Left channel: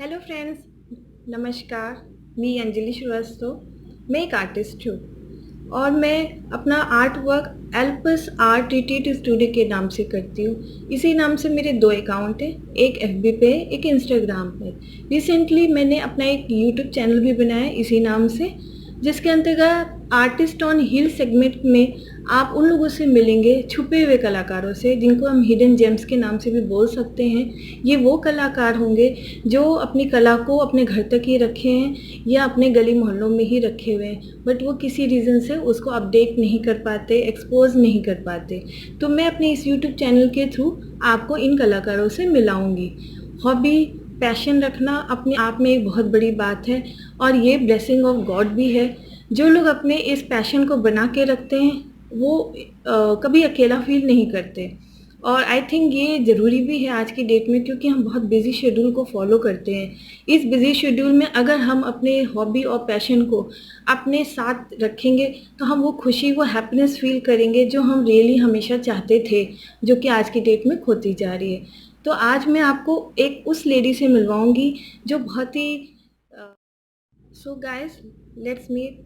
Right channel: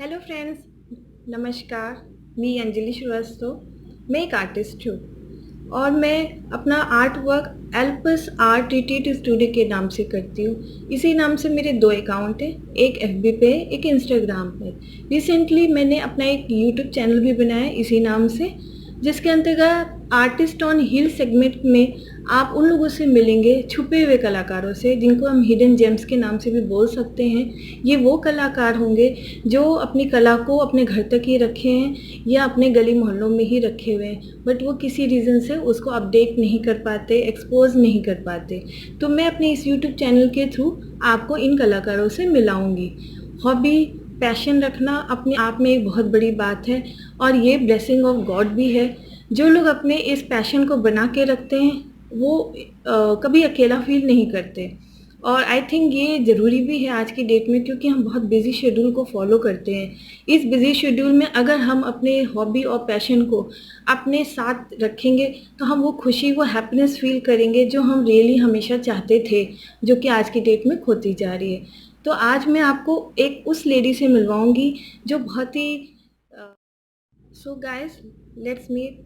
Hello friends, नमस्कार। मैं अंजलि श्रीवास्तव। मैं एक आर्टिस्ट हूँ और मैं अपना art work Alps art retreat studio के नाम से करती हूँ। इसी नाम से मेरे 2 अकाउंट हैं, एक एफबी पे, एक इंस्टाग्राम पे। रिसेंटली मैंने अपना एक यूट्यूब चैनल भी बनाया है इसी नाम से, जिसके अंतर्गत आर्टिस्ट ऑन हिल सेगमेंट में आप उन लोगों से मिलेंगे, छुपे हुए कलाकारों से, जिनको हम हिडन जेम्स के नाम से भी बोल सकते हैं। ये वो कलाकार होंगे जो अपनी कला को अपने घर तक ही रखे हैं या अपने गली मोहल्लों में ही रखे हुए हैं, बट वो किसी रीज़न से उसको अपडेट नहीं कर पाते, एक्सपोज नहीं कर पाते। तो मैं अपने इस यूट्यूब चैनल के थ्रू आपको इन कलाकारों से मिलाऊंगी। हॉबी, पैशन रखना अपने आप में एक बहुत बड़ी बात है और ये ब्लेसिंग ऑफ गॉड भी है। जो लोग अपने इस पैशन को बना के रखते हैं वो कभी अकेला फील नहीं करते। और आई थिंक ये ज़रूरी भी है आज की डेट में, क्योंकि हम बहुत बिजी शेड्यूल को फॉलो करते हैं। इस बिजी शेड्यूल में अगर हम अपने हॉबी और पैशन को अपने साथ रखेंगे तो हम वो खुशी, वो हैप्पीनेस फील करेंगे जो हम रियली हमेशा चाहते थे, जो कि आज की डेट में खोती जा रही है। तो आज मैं आपको एक उस लेडी से मिलवाऊंगी जो बहुत ही सो गाइस, लेट्स मीट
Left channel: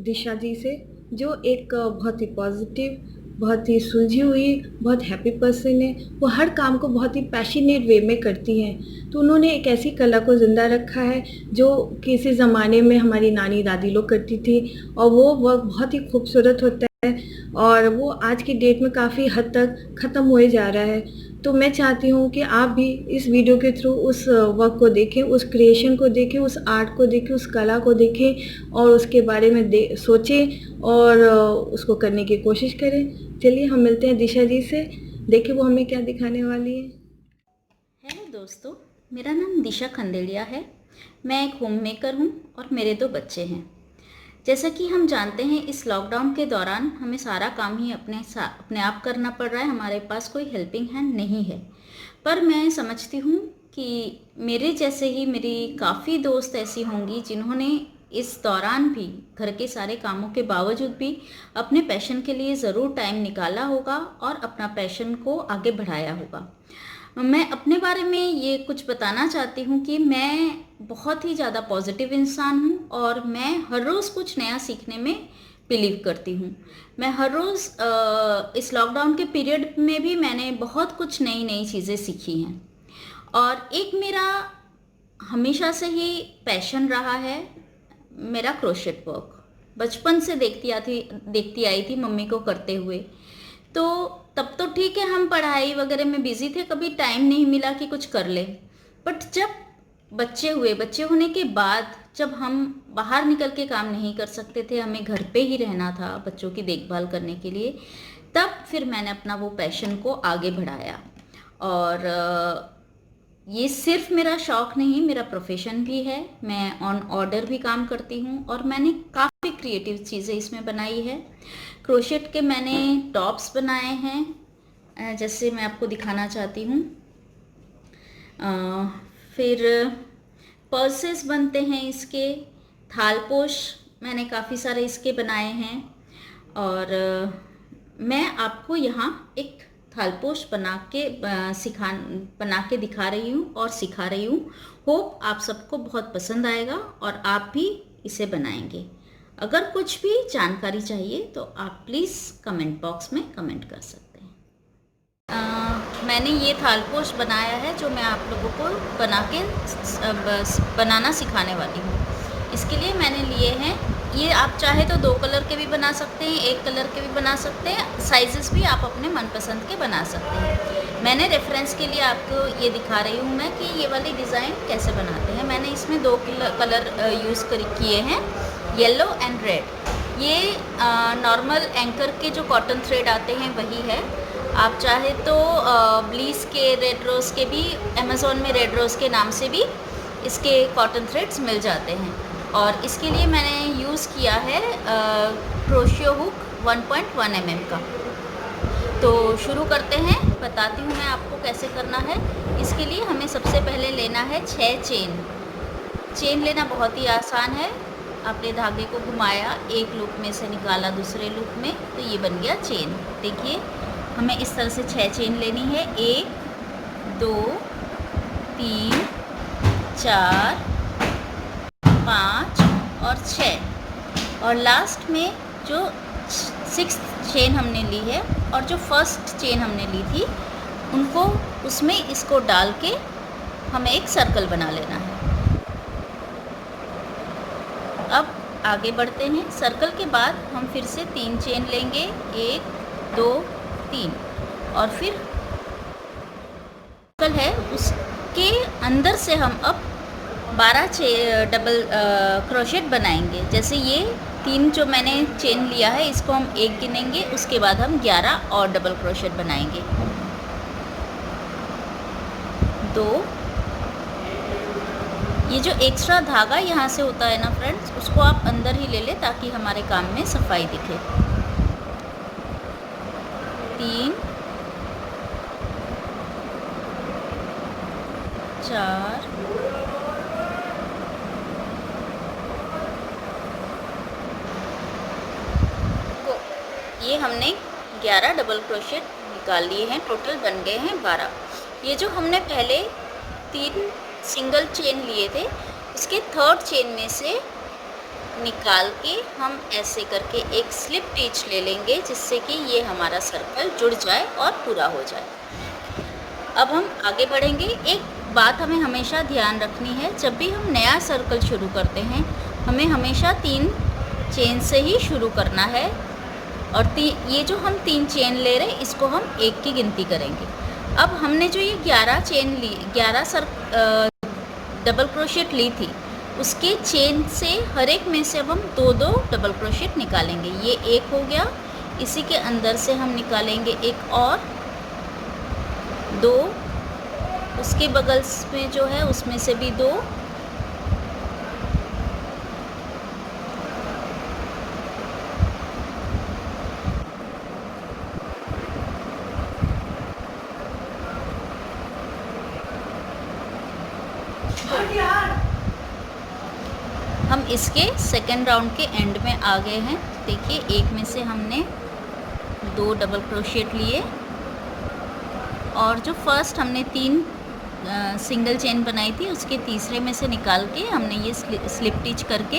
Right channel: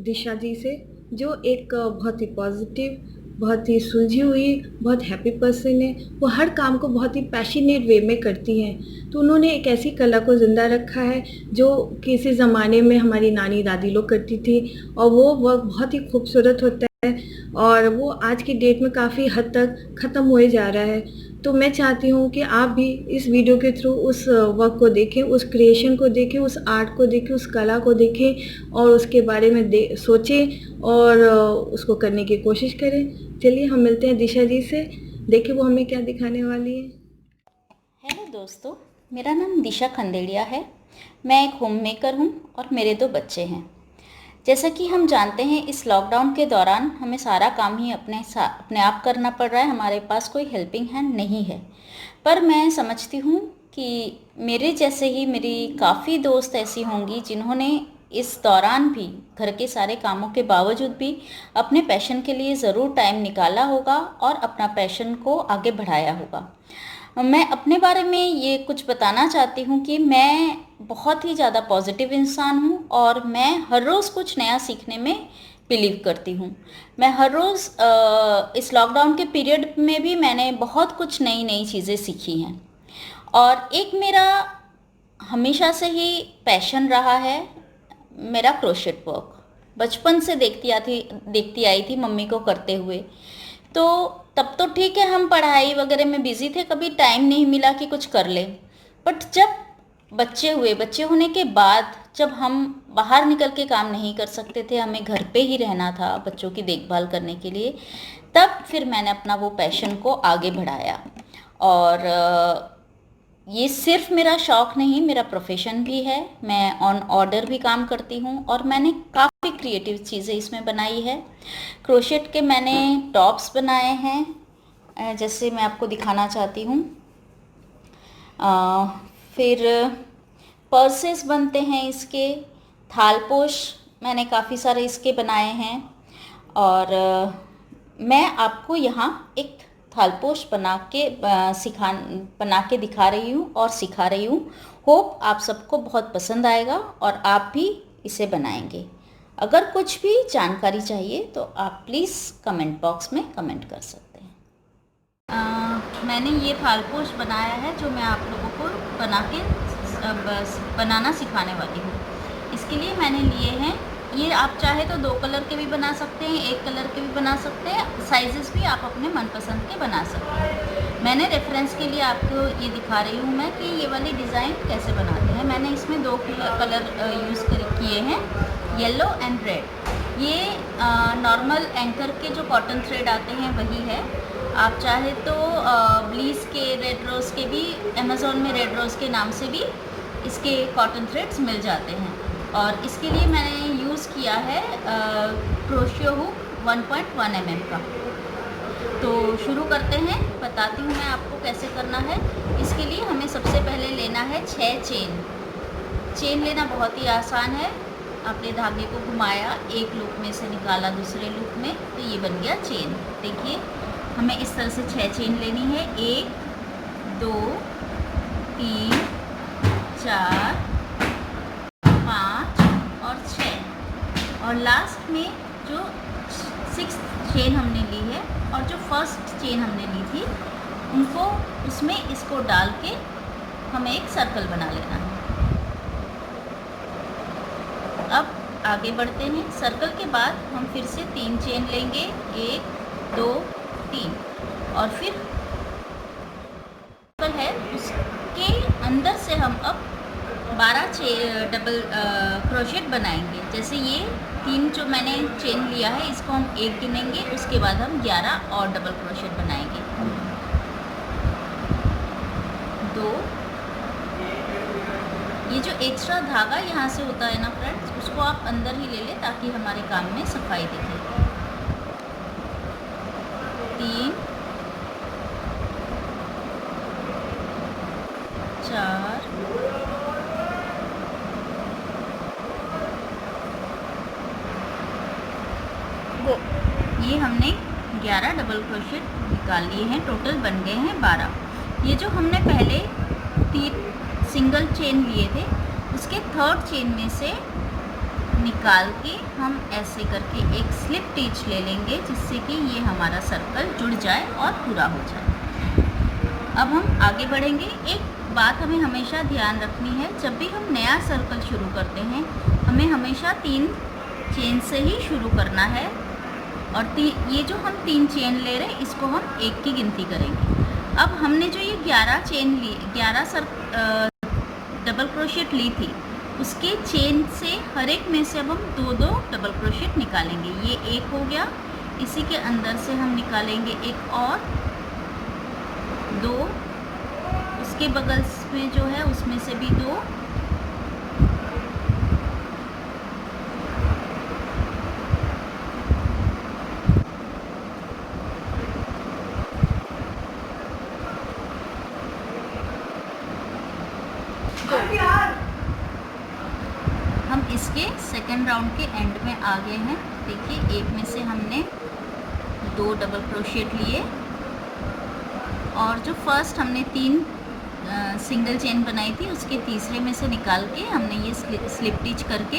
दिशा जी से, जो एक बहुत ही पॉजिटिव, बहुत ही सुलझी हुई, बहुत हैप्पी पर्सन है। वो हर काम को बहुत ही पैशनेट वे में करती हैं। तो उन्होंने एक ऐसी कला को ज़िंदा रखा है जो किसी ज़माने में हमारी नानी दादी लोग करती थी, और वो वर्क बहुत ही खूबसूरत होता है और वो आज की डेट में काफ़ी हद तक ख़त्म हुए जा रहा है। तो मैं चाहती हूँ कि आप भी इस वीडियो के थ्रू उस वर्क को देखें, उस क्रिएशन को देखें, उस आर्ट को देखें, उस कला को देखें और उसके बारे में सोचें और उसको करने की कोशिश करें। चलिए हम मिलते हैं दिशा जी से, देखें वो हमें क्या दिखाने वाली है। हेलो दोस्तों, मेरा नाम दिशा खंडेड़िया है। मैं एक होम मेकर हूँ और मेरे 2 बच्चे हैं। जैसा कि हम जानते हैं, इस लॉकडाउन के दौरान हमें सारा काम ही अपने आप करना पड़ रहा है। हमारे पास कोई हेल्पिंग हैंड नहीं है। पर मैं समझती हूँ कि मेरे जैसे ही मेरी काफ़ी दोस्त ऐसी होंगी जिन्होंने इस दौरान भी घर के सारे कामों के बावजूद भी अपने पैशन के लिए ज़रूर टाइम निकाला होगा और अपना पैशन को आगे बढ़ाया होगा। मैं अपने बारे में ये कुछ बताना चाहती हूँ कि मैं बहुत ही ज़्यादा पॉजिटिव इंसान हूँ और मैं हर रोज़ कुछ नया सीखने में बिलीव करती हूँ। मैं हर रोज़ इस लॉकडाउन के पीरियड में भी मैंने बहुत कुछ नई नई चीज़ें सीखी हैं। और एक मेरा हमेशा से ही पैशन रहा है, मेरा क्रोशेट वर्क। बचपन से देखती आई थी मम्मी को करते हुए। तो तब तो ठीक है, हम पढ़ाई वगैरह में बिजी थे, कभी टाइम नहीं मिला कि कुछ कर ले। बट जब बच्चे होने के बाद जब हम बाहर निकल के काम नहीं कर सकते थे, हमें घर पे ही रहना था बच्चों की देखभाल करने के लिए, तब फिर मैंने अपना वो पैशन को आगे बढ़ाया। और ये सिर्फ मेरा शौक नहीं, मेरा प्रोफेशन भी है। मैं ऑन ऑर्डर भी काम करती हूँ और मैंने काफ़ी क्रिएटिव चीज़ें इसमें बनाई है। क्रोशेट के मैंने टॉप्स बनाए हैं, जैसे मैं आपको दिखाना चाहती हूँ। फिर पर्सेस बनते हैं इसके, थालपोश मैंने काफ़ी सारे इसके बनाए हैं। और मैं आपको यहाँ एक थालपोश बना के दिखा रही हूँ और सिखा रही हूँ। होप आप सबको बहुत पसंद आएगा और आप भी इसे बनाएंगे। अगर कुछ भी जानकारी चाहिए तो आप प्लीज़ कमेंट बॉक्स में कमेंट कर सकते हैं। मैंने ये थालपोश बनाया है जो मैं आप लोगों को बनाना सिखाने वाली हूँ। इसके लिए मैंने लिए हैं, ये आप चाहे तो 2 कलर के भी बना सकते हैं, 1 कलर के भी बना सकते हैं। साइजेस भी आप अपने मनपसंद के बना सकते हैं। मैंने रेफरेंस के लिए आपको ये दिखा रही हूँ मैं कि ये वाली डिज़ाइन कैसे बनाते हैं। मैंने इसमें 2 कलर यूज़ किए हैं, येलो एंड रेड। ये नॉर्मल एंकर के जो कॉटन थ्रेड आते हैं वही है। आप चाहे तो ब्लीस के, रेड रोज़ के भी, अमेज़ोन में रेड रोज़ के नाम से भी इसके कॉटन थ्रेड्स मिल जाते हैं। और इसके लिए मैंने यूज़ किया है क्रोशियो हुक 1.1 mm का। तो शुरू करते हैं, बताती हूँ मैं आपको कैसे करना है। इसके लिए हमें सबसे पहले लेना है 6 चेन लेना बहुत ही आसान है। आपने धागे को घुमाया, एक लूप में से निकाला दूसरे लूप में, तो ये बन गया चेन। देखिए, हमें इस तरह से 6 चेन लेनी है। 1 2 3 4, 5 और 6, और लास्ट में जो 6th चेन हमने ली है और जो फर्स्ट चेन हमने ली थी उनको उसमें इसको डाल के हमें एक सर्कल बना लेना है। अब आगे बढ़ते हैं। सर्कल के बाद हम फिर से 3 चेन लेंगे, 1 2 3, और फिर सर्कल है उसके अंदर से हम अब 12 डबल क्रोशेट बनाएंगे। जैसे ये 3 जो मैंने चेन लिया है इसको हम 1 गिनेंगे, उसके बाद हम 11 और डबल क्रोशेट बनाएंगे। 2, ये जो एक्स्ट्रा धागा यहाँ से होता है ना फ्रेंड्स, उसको आप अंदर ही ले लें ताकि हमारे काम में सफाई दिखे। 3 4 ये हमने 11 डबल क्रोशेट निकाल लिए हैं, टोटल बन गए हैं 12। ये जो हमने पहले 3 सिंगल चेन लिए थे उसके 3rd चेन में से निकाल के हम ऐसे करके एक स्लिप टिच ले लेंगे, जिससे कि ये हमारा सर्कल जुड़ जाए और पूरा हो जाए। अब हम आगे बढ़ेंगे। एक बात हमें हमेशा ध्यान रखनी है, जब भी हम नया सर्कल शुरू करते हैं हमें हमेशा 3 चेन से ही शुरू करना है, और ये जो हम 3 चेन ले रहे हैं इसको हम 1 की गिनती करेंगे। अब हमने जो ये 11 चेन ली, 11 डबल क्रोशेट ली थी, उसके चेन से हर एक में से अब हम 2-2 डबल क्रोशेट निकालेंगे। ये 1 हो गया, इसी के अंदर से हम निकालेंगे एक और 2, उसके बगल में जो है उसमें से भी 2, हम इसके सेकेंड राउंड के एंड में आ गए हैं। देखिए, एक में से हमने 2 डबल क्रोशेट लिए, और जो फर्स्ट हमने 3 सिंगल चेन बनाई थी उसके तीसरे में से निकाल के हमने ये स्लिप टिच करके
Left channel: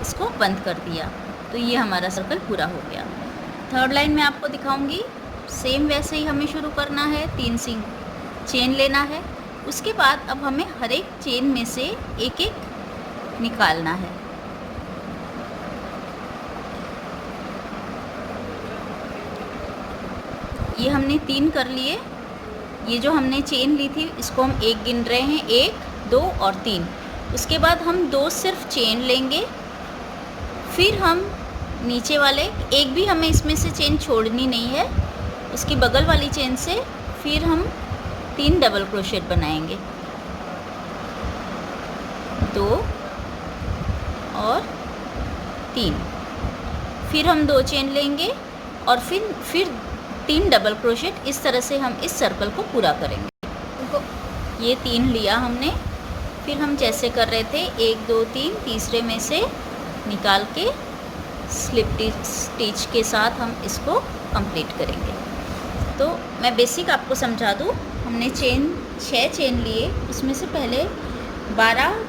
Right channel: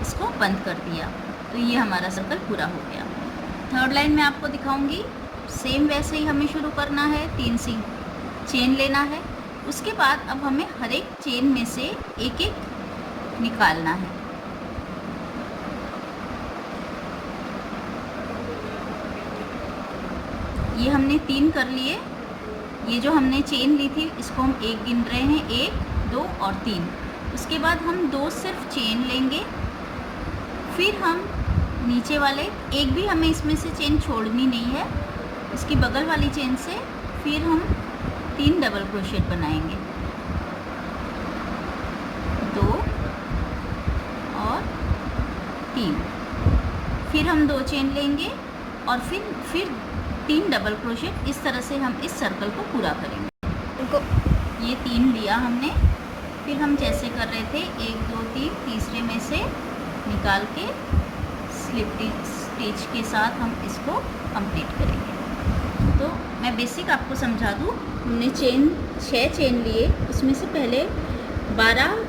इसको बंद कर दिया। तो ये हमारा सर्कल पूरा हो गया। 3rd लाइन में आपको दिखाऊंगी, सेम वैसे ही हमें शुरू करना है। 3 चेन लेना है, उसके बाद अब हमें हर एक चेन में से एक एक निकालना है। ये हमने 3 कर लिए। ये जो हमने चेन ली थी इसको हम 1 गिन रहे हैं, 1 2 और 3। उसके बाद हम 2 सिर्फ चेन लेंगे, फिर हम नीचे वाले एक भी हमें इसमें से चेन छोड़नी नहीं है, इसकी बगल वाली चेन से फिर हम 3 डबल क्रोशेट बनाएंगे, 2 और 3। फिर हम 2 चेन लेंगे और फिर 3 डबल क्रोशेट। इस तरह से हम इस सर्कल को पूरा करेंगे। ये 3 लिया हमने, फिर हम जैसे कर रहे थे 1 2 3, तीसरे में से निकाल के स्लिप स्टिच के साथ हम इसको कंप्लीट करेंगे। तो मैं बेसिक आपको समझा दूँ, हमने 6 चेन लिए, उसमें से पहले 12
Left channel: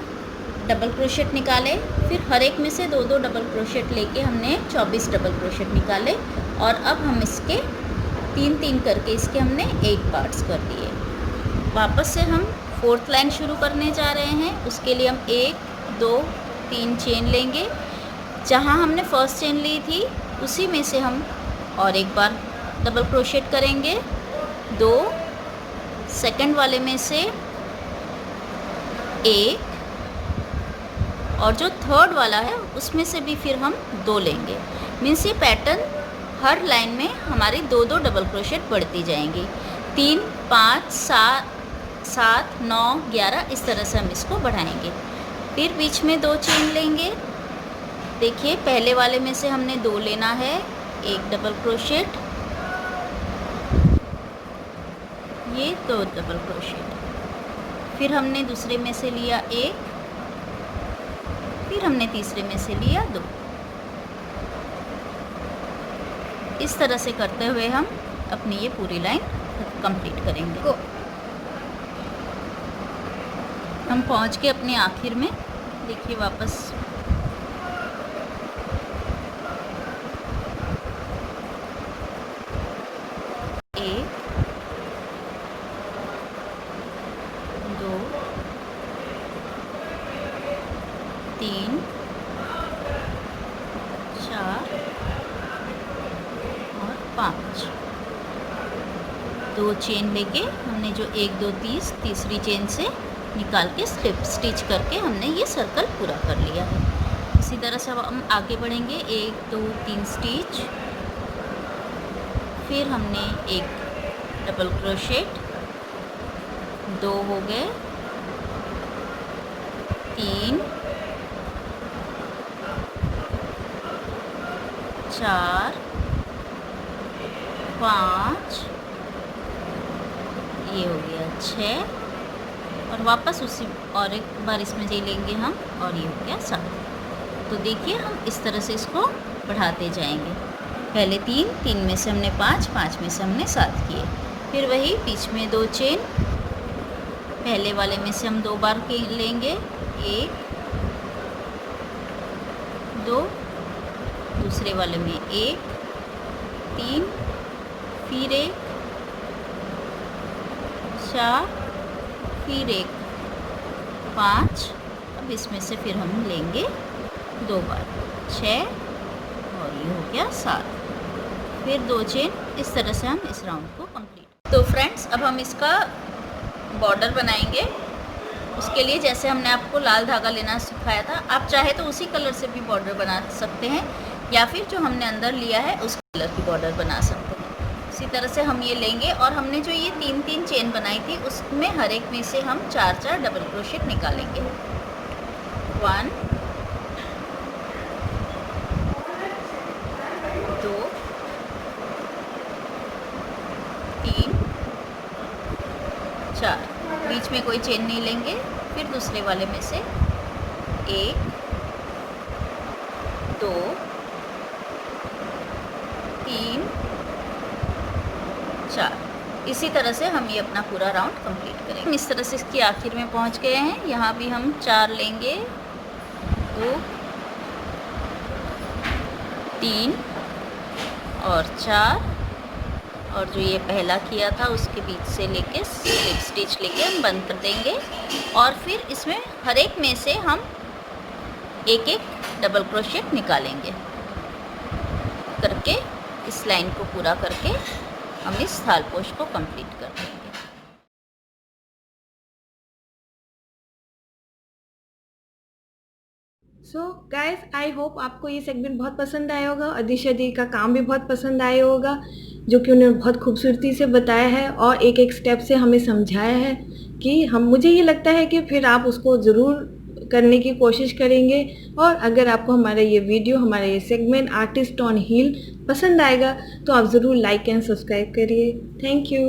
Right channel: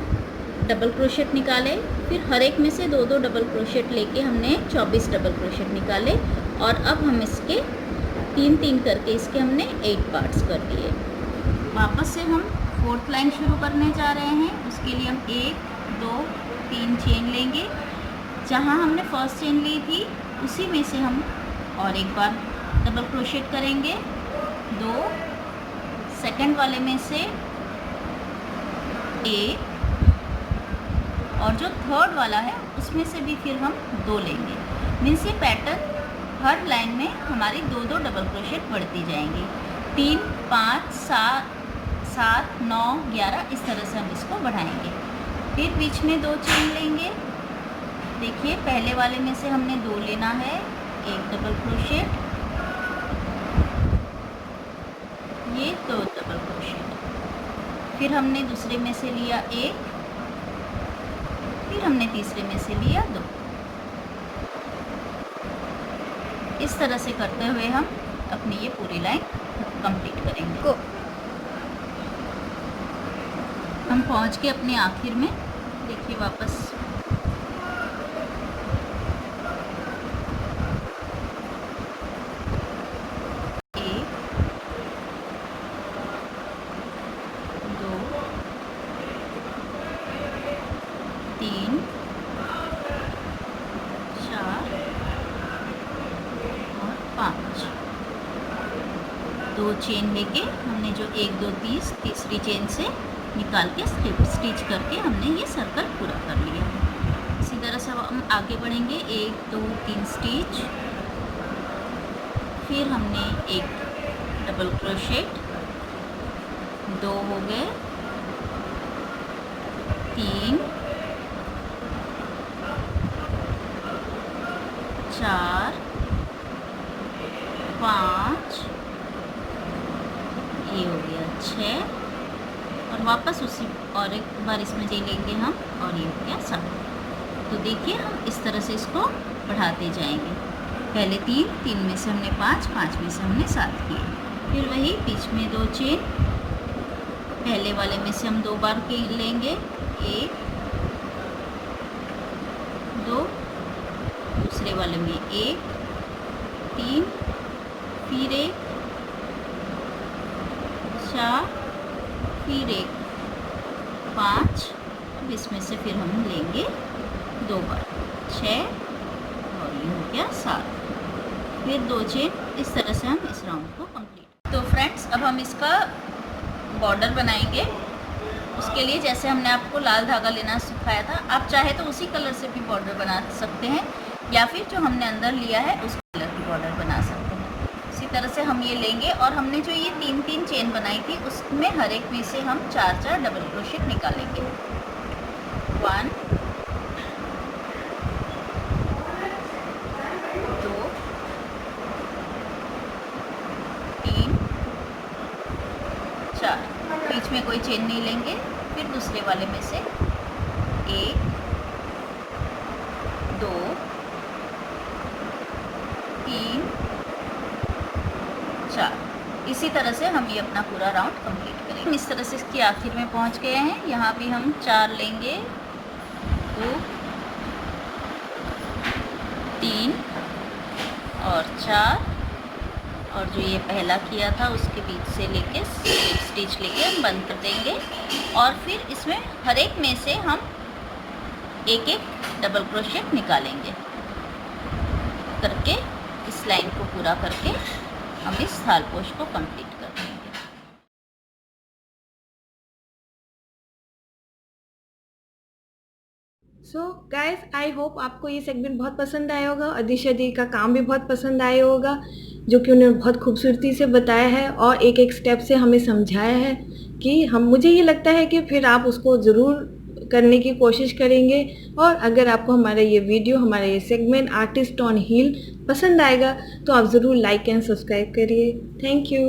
डबल क्रोशेट निकाले, फिर हर एक में से 2-2 डबल क्रोशेट लेके हमने 24 डबल क्रोशेट निकाले, और अब हम इसके 3-3 करके इसके हमने 8 पार्ट्स कर दिए। वापस से हम 4th लाइन शुरू करने जा रहे हैं। उसके लिए हम 1 2 3 चेन लेंगे, जहाँ हमने फर्स्ट चेन ली थी उसी में से हम और एक बार डबल क्रोशेट करेंगे, 2 सेकंड वाले में से 1, और जो 3rd वाला है उसमें से भी फिर हम 2 लेंगे। मीन्स ये पैटर्न हर लाइन में हमारी 2-2 डबल क्रोशेट बढ़ती जाएंगी। 3 5 7 9 11, इस तरह से हम इसको बढ़ाएंगे। फिर बीच में 2 चेन लेंगे। देखिए, पहले वाले में से हमने 2 लेना है, 1 डबल क्रोशेट, ये 2 डबल क्रोशेट, फिर हमने दूसरे में से लिया 1, फिर हमने तीसरे में से लिया 2। इस तरह से करते हुए हम अपनी ये पूरी लाइन कंप्लीट करेंगे। हम पहुंच के अपने आखिर में देखिए वापस दो चेन लेके हमने जो 1 2 तीसरी चेन से निकाल के स्लिप स्टिच करके हमने ये सर्कल पूरा कर लिया। इसी तरह से हम आगे बढ़ेंगे। 1 2 3 स्टिच, फिर हमने एक डबल क्रोशेट, 2 हो गए, 3 4 5 ये हो गया 6 और वापस उसी और एक बार इसमें ले लेंगे हम और ये हो गया 7। तो देखिए हम इस तरह से इसको बढ़ाते जाएंगे। पहले 3 में से हमने 5 में से हमने 7 किए, फिर वही बीच में 2 चेन, पहले वाले में से हम 2 बार की लेंगे, 1 2, दूसरे वाले में 1 3, फिर 1 4, फिर 1 5, अब इसमें से फिर हम लेंगे 2 बार 6 और ये हो गया 7, फिर 2 चेन। इस तरह से हम इस राउंड को कंप्लीट। तो फ्रेंड्स अब हम इसका बॉर्डर बनाएंगे। उसके लिए जैसे हमने आपको लाल धागा लेना सिखाया था, आप चाहे तो उसी कलर से भी बॉर्डर बना सकते हैं या फिर जो हमने अंदर लिया है उस कलर की बॉर्डर बना सकते हैं। इसी तरह से हम ये लेंगे और हमने जो ये 3 चेन बनाई थी उसमें हर एक में से हम 4 डबल क्रोशेट निकालेंगे। 1 2 3 4, बीच में कोई चेन नहीं लेंगे। फिर दूसरे वाले में से 1 2 3 4, इसी तरह से हम ये अपना पूरा राउंड कंप्लीट करेंगे। इस तरह से इसकी आखिर में पहुंच गए हैं। यहाँ भी हम 4 लेंगे, 2 3 और 4, और जो ये पहला किया था उसके बीच से लेके एक स्टिच लेके हम बंद कर देंगे और फिर इसमें हर एक में से हम एक डबल क्रोशेट निकालेंगे करके इस लाइन को पूरा करके हम इस थालपोश को कंप्लीट कर देंगे। सो गाइस, आई होप आपको ये सेगमेंट बहुत पसंद आया होगा और दिशा दी का काम भी बहुत पसंद आया होगा, जो कि उन्होंने बहुत खूबसूरती से बताया है और एक स्टेप से हमें समझाया है कि मुझे ये लगता है कि फिर आप उसको ज़रूर करने की कोशिश करेंगे। और अगर आपको हमारा ये वीडियो, हमारा ये सेगमेंट आर्टिस्ट ऑन हील पसंद आएगा तो आप ज़रूर लाइक एंड सब्सक्राइब करिए। Thank you.